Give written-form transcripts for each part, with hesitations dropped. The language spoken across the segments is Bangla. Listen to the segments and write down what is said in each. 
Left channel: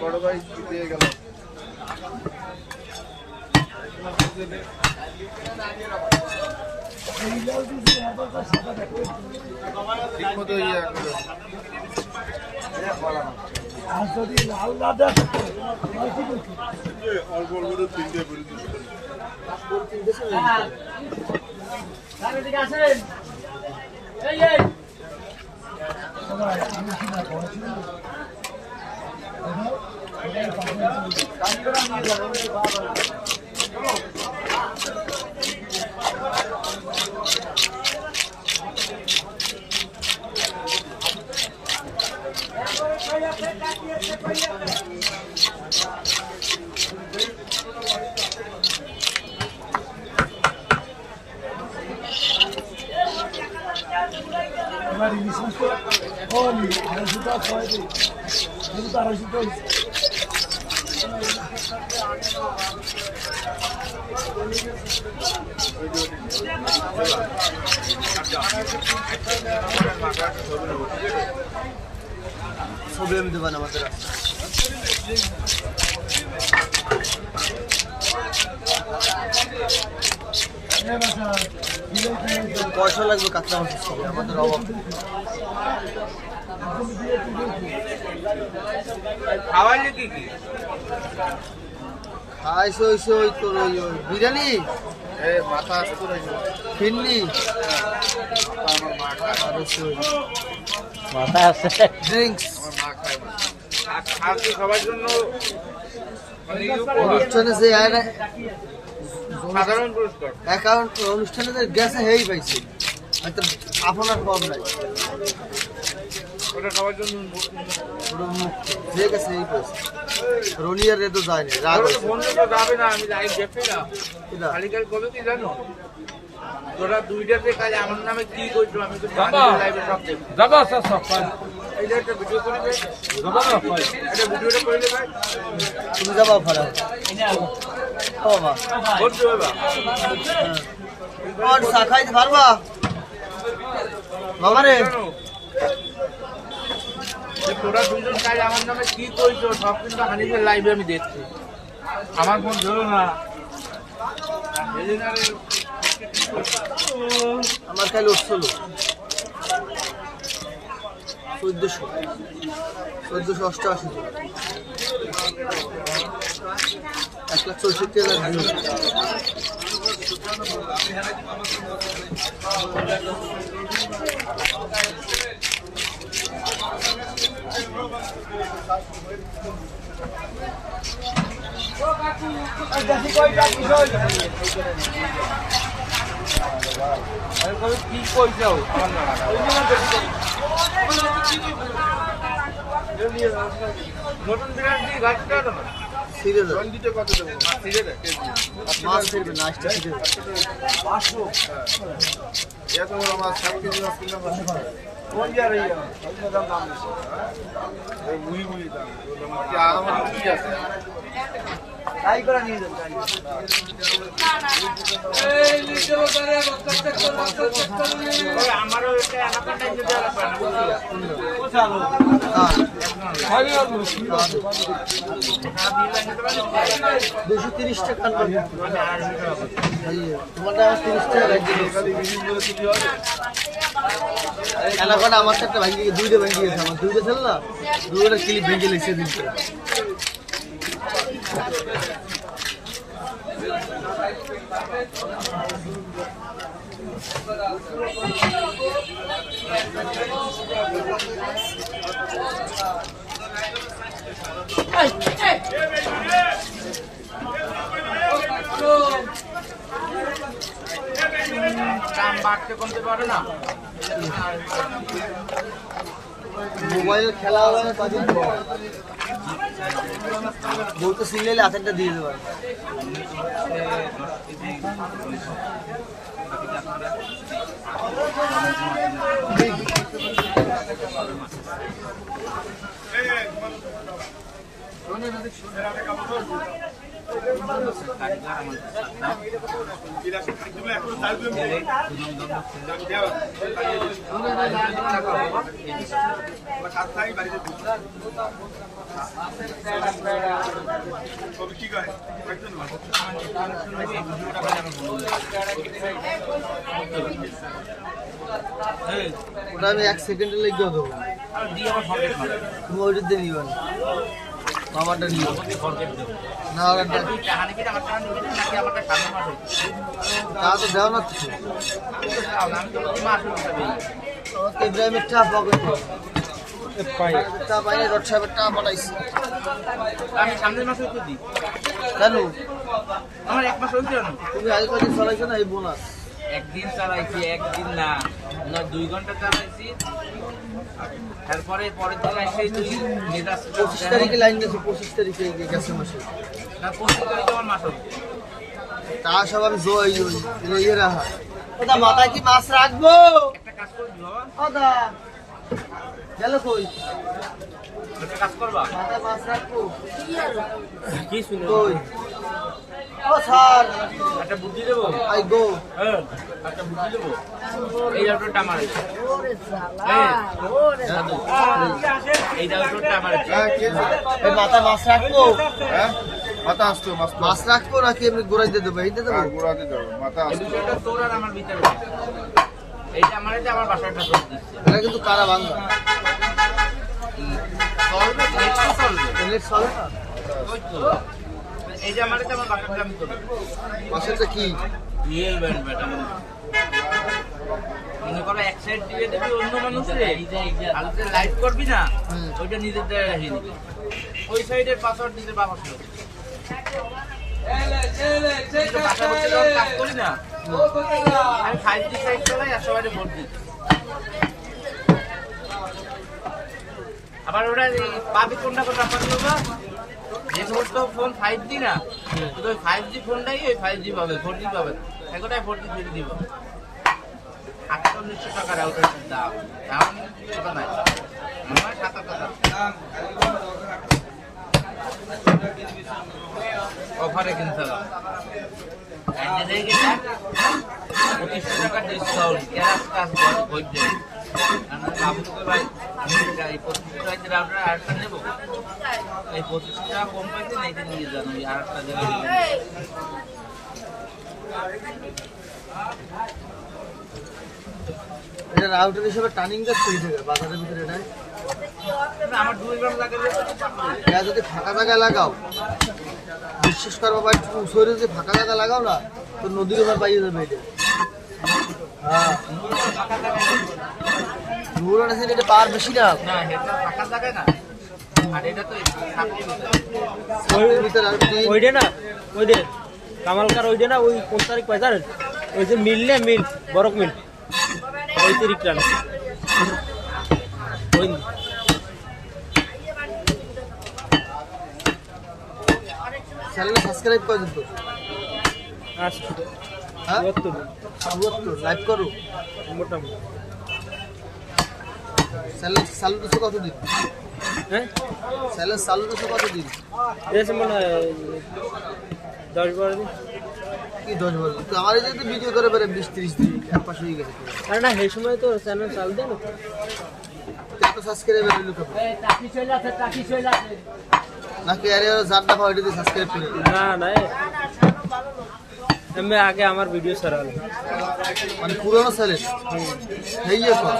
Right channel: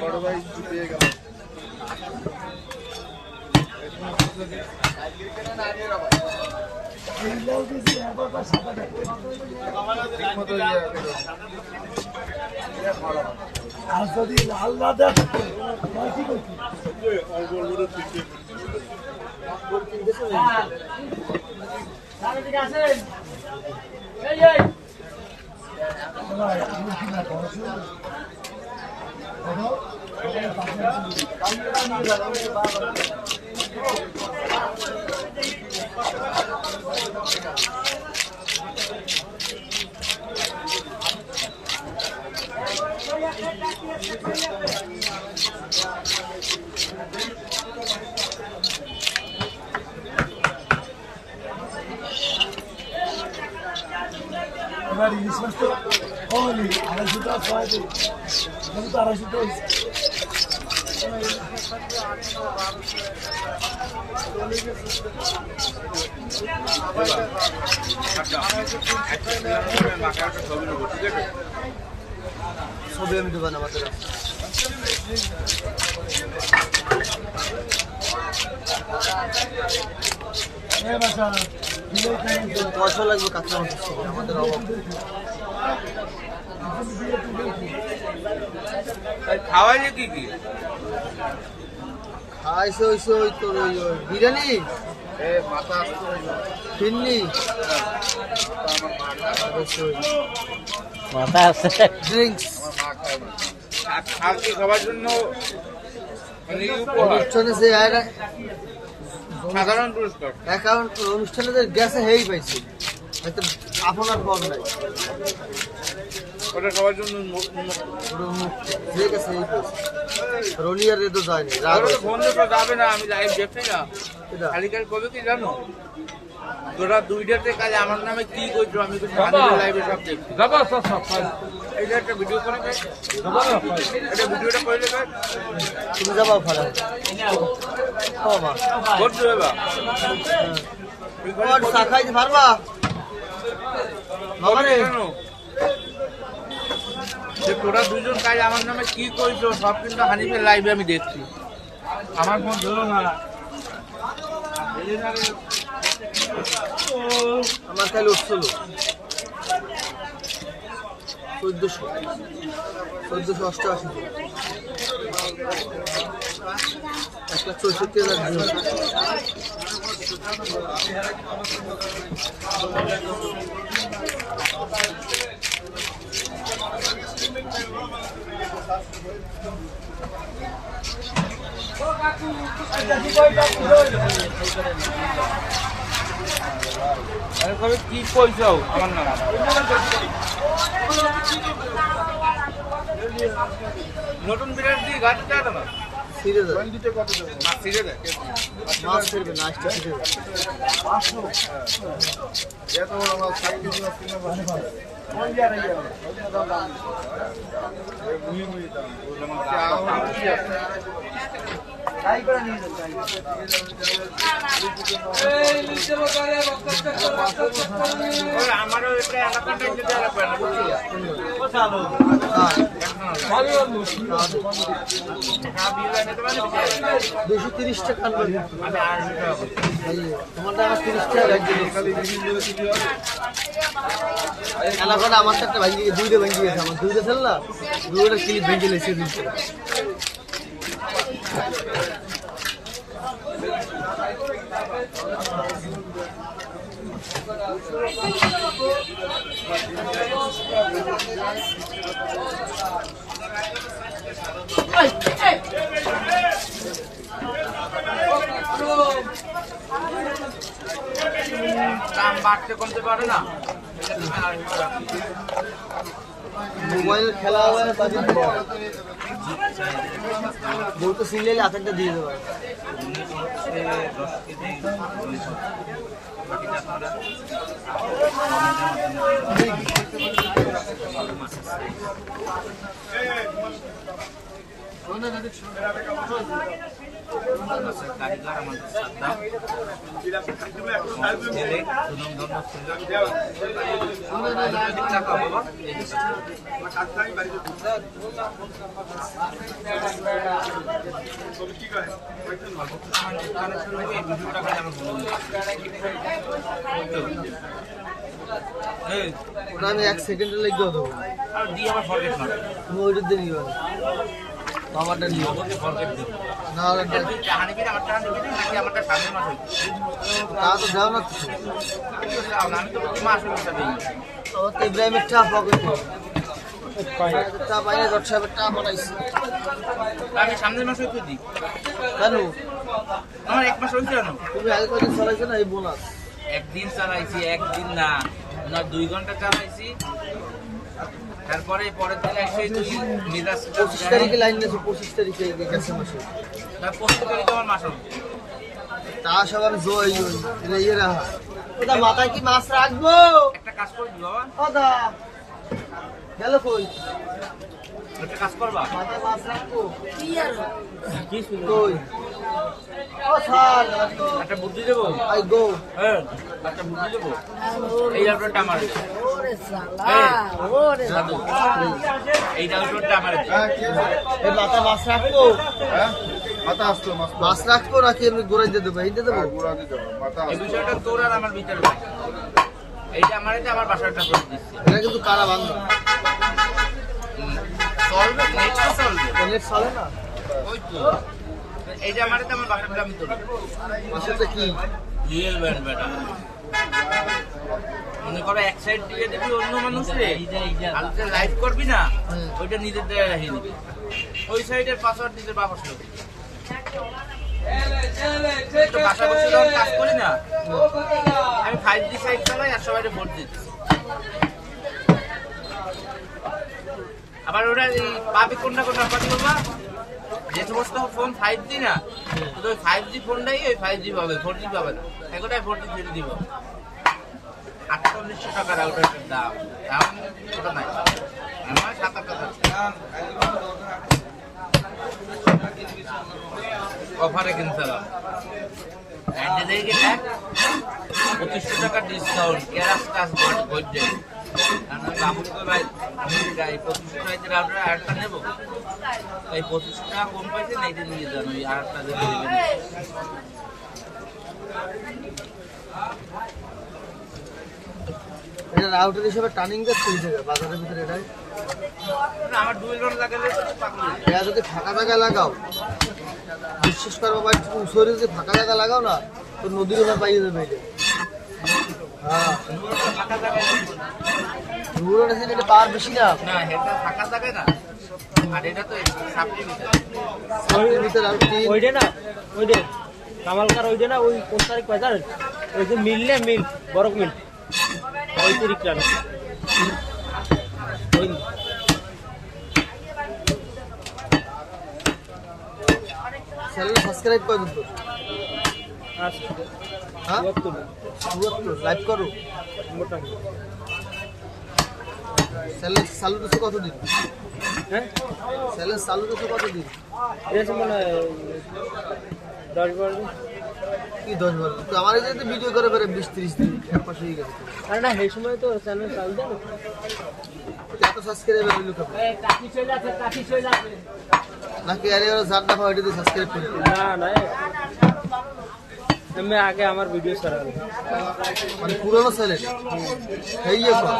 বড় ভাই দিয়ে গেল ঠিক মতো আর যদি লাল না দেয় ঠিক আছে এবার ইলিশ মাছ তো কমনি 250 টাকা ছয় আমি তো 250 টাকা ছবি আমি দেবেন আমাদের পয়সা লাগবে কাঁচা মাছের ছবি আমাদের অভাব খাওয়াইলে কি কি খাইছে হইছে ওই তোর ওই বিরিয়ানি মাথা ফিরনি মাথা আছে ড্রিঙ্কস সবার জন্য অনুষ্ঠানে যে সাধারণ পুরস্কার অ্যাকাউন্ট অনুষ্ঠানে যে গেছে হেই পাইছে আপনার কম নাই ওটা সবার জন্য যে গেছে হেই পাইছে রনিয়ার রেদো যায়নি রাগ ফোন তো যাবে না আমি লাইভ দেখছি না খালিকার কবে কি জানো তোরা দুইটাতে কাজ আমার নামে কি করছো আমি তো লাইভে সব দেখছি এইটা একটা ভিডিও করে দে এটা ভিডিওটা করে দেবে তুমি যাবা ভাড়া বাবা করছো বাবা আর চা খাইতে পারবা বাবা রে তোরা দুইজন কাজ আমার নামে কি করছো সব কিন্তু হানিফের লাইভে আমি দেখছি আমার ফোন ধরো না আমার কাল উঠছিল 1488 কি কইছো নতুন বিরাট দিয়ে ঘাটটা না সিরে দাও সিরে দে মাছ ছিড়বে না আজকে ছিড়বে 500 এত আমরা 7 কেজি মাছ কিনলাম কোন যা রही है দাম দাম এই মুই মুই দাম কি আরাম কি আছে তাই করে নিয়ে যান এই লিখতে পারে রক্ত আমারও একটা এলাকাটা দিতে হবে ও চালো বেশি 30 টাকা আনবে তোমারটা আমার 30 টাকা লাগবে এলাকাটা আমার একটা ভাঙি দুইটা ভাঙি গেছে আমার দুইটা ছিল না দুইটা ক্লিপ ভেঙে লেছে দিচ্ছে বাড়তে কমতে পারে না মোবাইল খেলা হবে না কদিন পর বউ তো সিলেলে হাতেরটা দিয়ে দেবে ওটা আমি 1 সেকেন্ডে লেগে দেবো তুমি ওইটা দিয়ে নিও না বাবাটা নিও না ওরা তা তো দেও না কিছু ও তো ইব্রাহিমের টা পকেটে টা পাইনি ডট সাহেবের টা পাঠাইছি আমি সামনের মাসে তো দিই কেন আমার 1 মাস হইছে না তুমি আগে কদিন চালাইছো না এই বোনাস একদিন চালাইছি একদিন না না 2 ঘন্টা চালাইছি তারপরে পরের দিন এসে তুই মেজাজ 25 তারিখে লাইন গেছে 25 তারিখে গেছে মাসে না 25 তারিখে আমার মাস হবে তা সবার জয় ওই ইয়ে রাহা ওটা মাথায় কি মাছ রাখবো একটা কাজ করবি বাবা ওদা গেল কই একটা কাজ করবা মাথায় মাছ রাখবো কি শুনো কই ও স্যার একটা বুদ্ধি দেবো আই গো হ্যাঁ একটা বুদ্ধি দেবো এই জায়গাটা আমার এই জায়গাটা আমার ওই মাথায় মাছ রাখবো মাথা আসতো মাছ রাখবো নাকি এমনি গোড়াই দিয়ে দেবো এইটা দেবো গুড়া দিতে হবে মাথা এই বিষয়টা তোর আর আমার ভিতরে এইটা আমার আমার বাসাটা করে দিচ্ছে এটা কিন্তু কারা বান্ধা চলবে নেক্সট চলবে নেট চলে না ওই তো এই যে আমার বাসাটা আমি করি মাছেরটা কি রিয়েল ব্যান্ড ম্যাডাম মনে করো এক সাইড দিয়ে দিবি অন্য মানুষরে আলতে লাইট করবি না ওইটা নিজের দ্বারা রাখিয়ে নিবি ওই সাইডের পাসওয়ার্ড নিজের বাবার সাথে বাসা বসে যখন কাজ করি না আমি 5G সাইড চালাই আর সবাই ভোট দিচ্ছি আবার ওটা পাবি কোনটা কোনটা পাবি না যে সমস্ত ফোন 5G না ওই 5G ফোনটাই ওই 5G পাবে 4G পাবে এগোটাই 4G ছেড়ে দিব 4800 টাকা রাউটারের দাম এখন ওটা নাই আমার 7 অফারে কিনছিলাম আজকে দেখি না 2500 টাকা ডিসকাউন্ট ক্যাশ কাজ করছে আমি ভাই আমি গাই 2500 টাকা রাউটার অ্যাড করে নেব এই 25 টাকা কম পাইছে না এটা নিয়ে যান ওই আরেকটা দিলে এটা রাউটার হিসেবে টার্নিং যাচ্ছে এই জায়গায় বাজারের ভিতরে এটাই আমার ডুয়েল রড লাগালে এটা যদি ফাঁকা জায়গায় লাগাও বিশ্বাস করবো ভাই তুমি শরীরে যদি ফাঁকা জায়গা লাগাও না তো নদীর ওপর পাইয়ে দেবে এটা হ্যাঁ দূর আছে এটা পার বেশি না না এটা ফাঁকা থাকে না আর এটা তো সামনের ভিতরে আর কি ওইটা না ওইটা কামালকার ওইটা না ওই 5 তারিখ বাজার ওই যে মিললে মিল বরক মিল ওই তারিখটা না ওই চ্যানেল সাবস্ক্রাইব করে দিন তো হ্যাঁ 74 লাইক করো মোটামুটি চ্যানেল চালু দিচ্ছে কতদিন হ্যাঁ চ্যানেল চালু দিচ্ছে কতদিন এসে মানে 10-12 দিন কি 10 তো আমার এই যে ভিডিও করে বেড়ে 20-30 দিন এক মাস হয়ে গেছে আর না সেই সময় তো চ্যানেল চালু দেন এত সাবস্ক্রাইবার হলো কেন টাকি চলে আছে নাকি আরে জানটা পাওয়া এটা দিয়ে সাবস্ক্রাইব করে না না আমি আগে আমার ভিডিও ছাড়ালো মানে পুরনো চ্যানেল হেইয়ে কর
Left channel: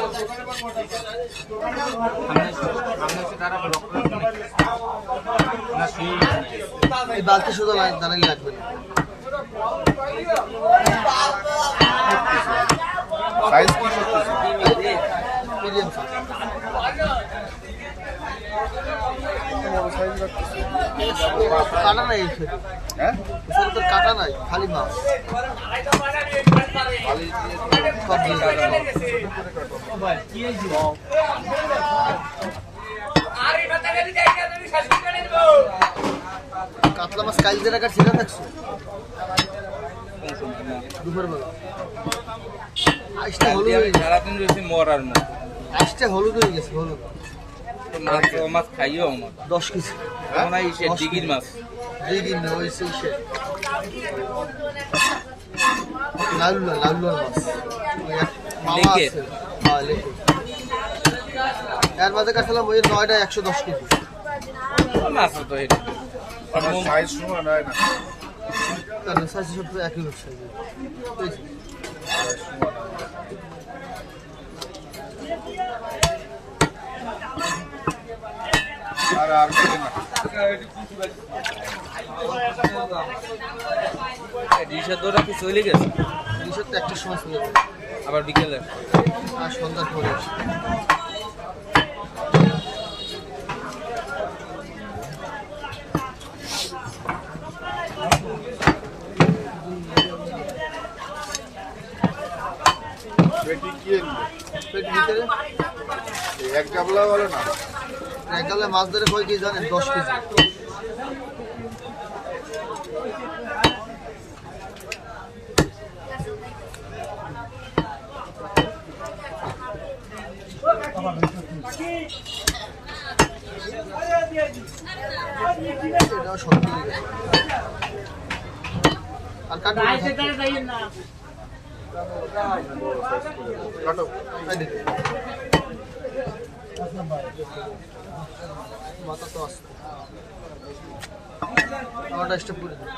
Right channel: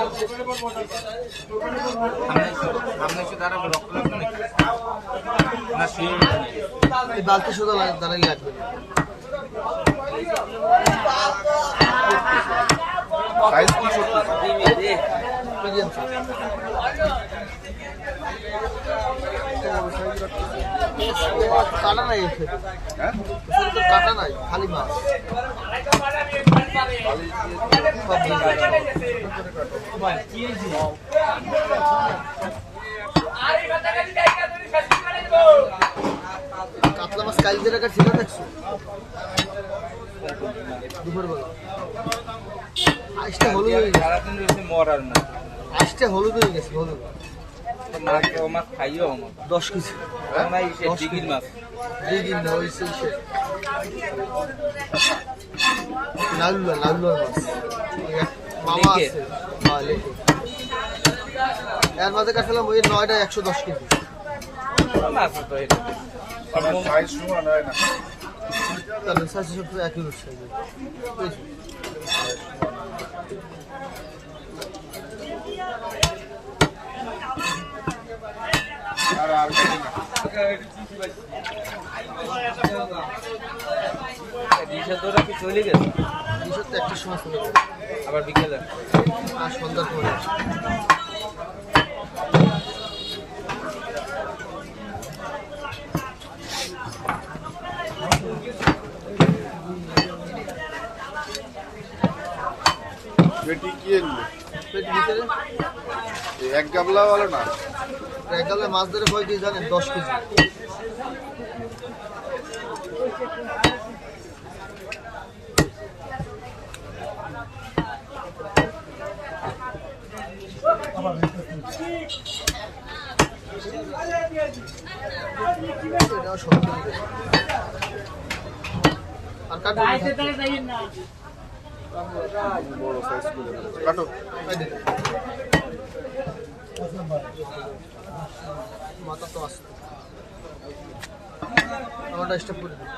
এই বালতি শুধু দাঁড়াই লাগবে না সাইজ কি করতেছে মিডিয়াম কাটা নাই এসে হ্যাঁ তো কাটা নাই খালি মাছ সব কাতলা মাছ কাল যে টাকা ছেড়ে থাকছে দুপুর বেলা আজটা হলুদ হয়ে গেছে সারাদিন রয়েছে মরার না আজটা হলুদ হয়ে গেছে হলুদ মাছ ও মাছ খাইও আমার 10 কেজি না ইসে ডিগির মাছ দিগিন না ওই সে লাউলার মাছ ওই এক মামা লেকে? আছে হ্যাঁ লেকে এর মাঝে কাটলাম ওই 9টা 110 কেজি মাছ তো এটা আমার সাইজ সমান হয় না তাহলে সাইজ সব একই সাইজ বুঝেছি আর কিছু না ডিশের দৌড়া কি চলে গেছে দুশো তো একটা সময় চলে যাবে আবার বিকেলে আর সন্ধ্যার পরে পেটি কি আনবে? পেট ভিতরে এই এক গাবলা বলে না একগালে মাছ ধরে কয় কেজি জানেন 10 কেজি এটাও 70 কেজি আর কাটবো কাটো মাথা তো আছে আমারটা স্টপ করে দিই